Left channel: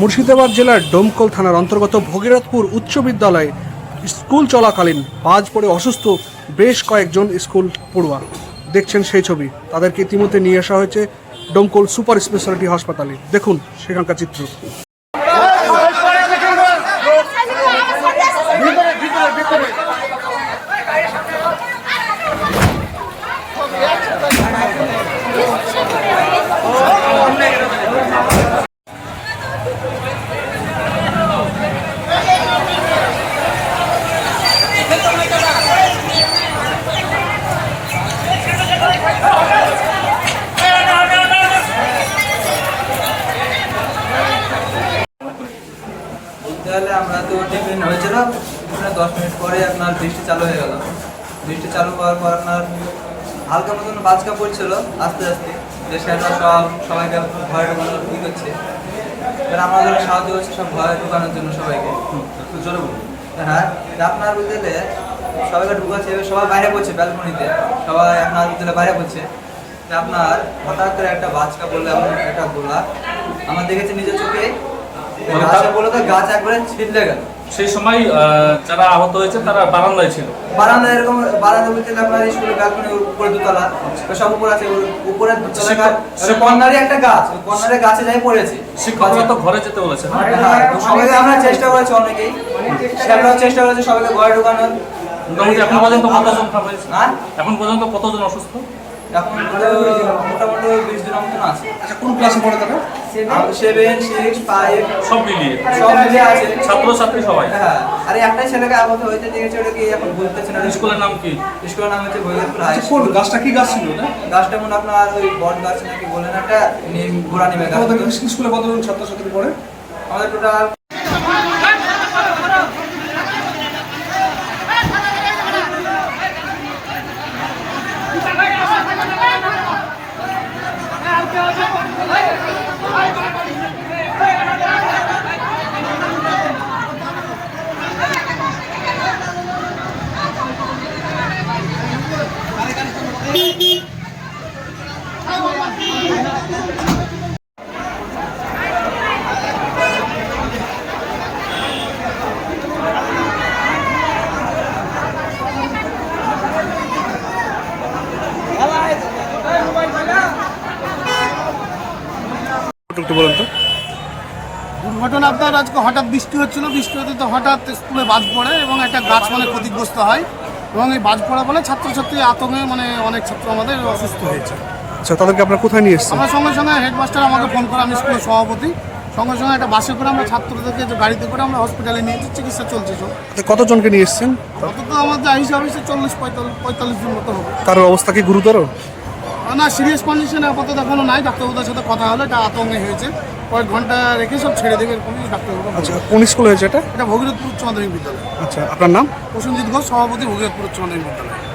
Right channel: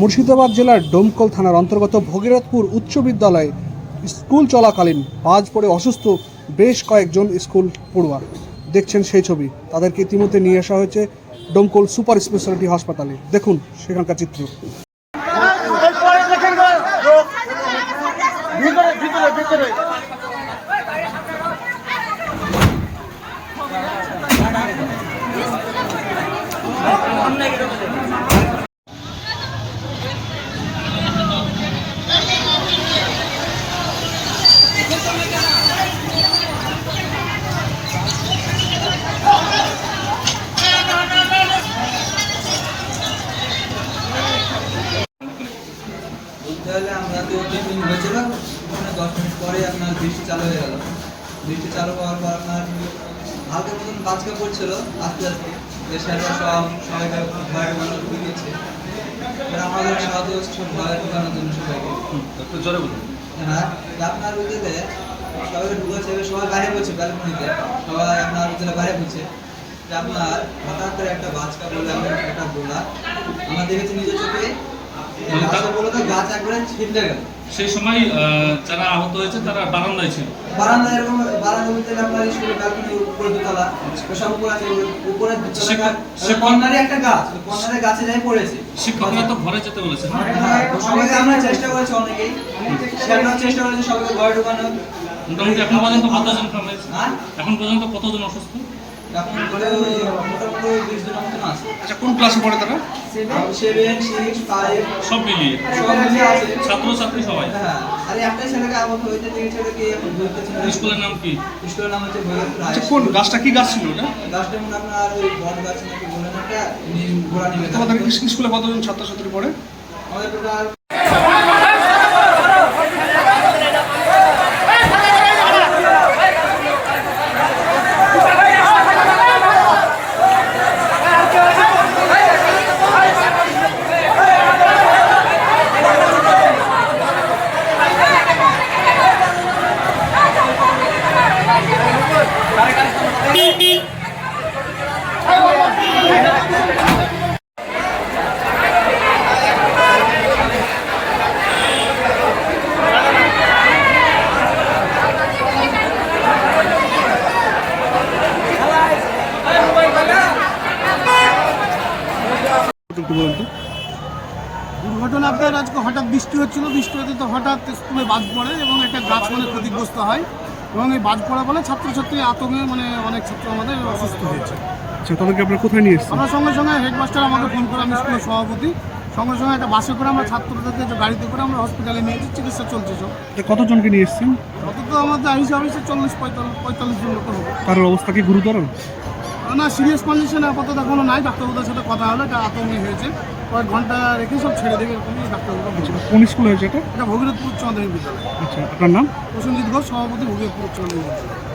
মুর্শিদাবাদ জেলার ডোমকল থানার অন্তর্গত ভগীরথপুর উচ্চ বিদ্যালয়ে স্কুল চলাকালীন বাজ পড়ে অসুস্থ বেশ কয়েকজন স্কুল পড়ুয়া। দেখছেন সেই ছবি। তাদেরকে ইতিমধ্যে নিয়ে আসা হয়েছে ডোমকল সুপার স্পেশালিটি হাসপাতালে। দেখুন সেখানকার চিত্র। তাহলে আমরা তো টিফিন হয়েছিল, 10 মিনিট পরে আপনার বৃষ্টি চালু হয়ে গেল। বৃষ্টি চালু হওয়ার পর আপনার হালকা মতন বাজকা পড়ছিল আস্তে আস্তে, যে সেটা সবাইকে ভয় ঢোকানোর ই করছে। এবার আমাদের সাহায্য করছে সব ভয় ঢোকানোর জন্য সবাইকে। হ্যাঁ, আপনার বিদ্যালয়ে সবাইকে ঢুকাচ্ছে, সবাই বাইরে পড়ছে ব্যালকনিতে, সবাই আপনার বিদ্যালয়ে বাইরে পড়ছে। আপনার হঠাৎ করে একটা বাজকা বললে আমার একটা গোলা আমার দেখেছি নিজের চোখে, বলে তো গাছ একবারে ছিঁড়ে গেল। সেই সময় যারা আহত হয়েছে তারা বারান্দায় ছিল। বারান্দা এরকম বারান্দা বলতে আপনার স্কুলের ব্যালকনি উপরে দোতলা সব উপর আছে, উপরে কর্নারে একটা গাছ, কর্নারে গাছে যাই পড়েছে। শিক্ষকরা তো ঘরে যেতে বলেছে না? সবাইকে আমরা চেষ্টা করেছি, অনেকেই চেষ্টা করেছে সবাইকে ঘরে ঢোকানোর। মোটামুটি এখন পর্যন্ত কতজন হয়েছে? এখন পর্যন্ত কতজন অসুস্থ? এখন মোটামুটি 20 জনের মতন আছে। আচ্ছা, কোন ক্লাসে পড়ে তারা? 7, 6, 5 সব মিলিয়ে আছে, ছাত্রছাত্রী সবাই। হ্যাঁ, আরে একটাই ছেলেকে আহত হয়েছে, দেখেছি ওটা কি এখন বলতেছে না। স্কুলের নাম কি? স্কুলের নাম হচ্ছে ভগীরথপুর হাই আচ্ছা, স্কুল। কোন গাছটা কি গাছ ছিল এটা? গাছটা মনে আপনার ওই বট গাছ নাকি বলেন, একটা ঘোড়া নেমে গাছ। তোমাদের স্কুলে কতজন ছাত্রছাত্রী পড়ে? আমাদের টোটাল একটু বলুন তো। দুর্ঘটনা আপনার আজকে হঠাৎ বৃষ্টি হচ্ছিল, বৃষ্টি হতে তো হঠাৎ স্কুলে বাজ পড়ে এবং একটা গাছ ক্ষতিগ্রস্ত হয় এবং এই বাজ পড়া বলে ছাত্রছাত্রী আতঙ্কে অনেক ছাত্র আমাদের অসুস্থ হয়েছে। আচ্ছা, তাদেরকে আপনারা কোথায় নিয়ে এসেছেন? আমরা সঙ্গে সঙ্গে হেডমাস্টার আমাকে ফোন করে, আমি স্কুলের সভাপতি, সঙ্গে সঙ্গে একটা বাসে করে আমরা ছাত্রদেরকে গাড়িতে করে আমরা হসপিটালে নিয়েছি, চিকিৎসা চলছে সব। কতজনকে নিয়ে এসেছেন? অত তো আমার যা হিসাব হয়েছে 40-45 জন মতো হবে। কারোর অবস্থা কি গুরুতর? না, সিরিয়াস কন্ডিশনে আপাতত এখনো নাই। ডাক্তারবাবুদের সাথে কথা হলো, এটা আতঙ্কে হয়েছে, কয়েক ঘন্টা রেখে সব ছেড়ে দেবে এরকমই ডাক্তারবাবু। আচ্ছা, কোন স্কুল হয়েছে এটা? এটা ভগীরথপুর উচ্চ মাধ্যমিক বিদ্যালয়। আচ্ছা, আপনার নাম? প্রসেনজিৎ ঘোষ, সভাপতি, ভগীরথপুর উচ্চ মাধ্যমিক বিদ্যালয়।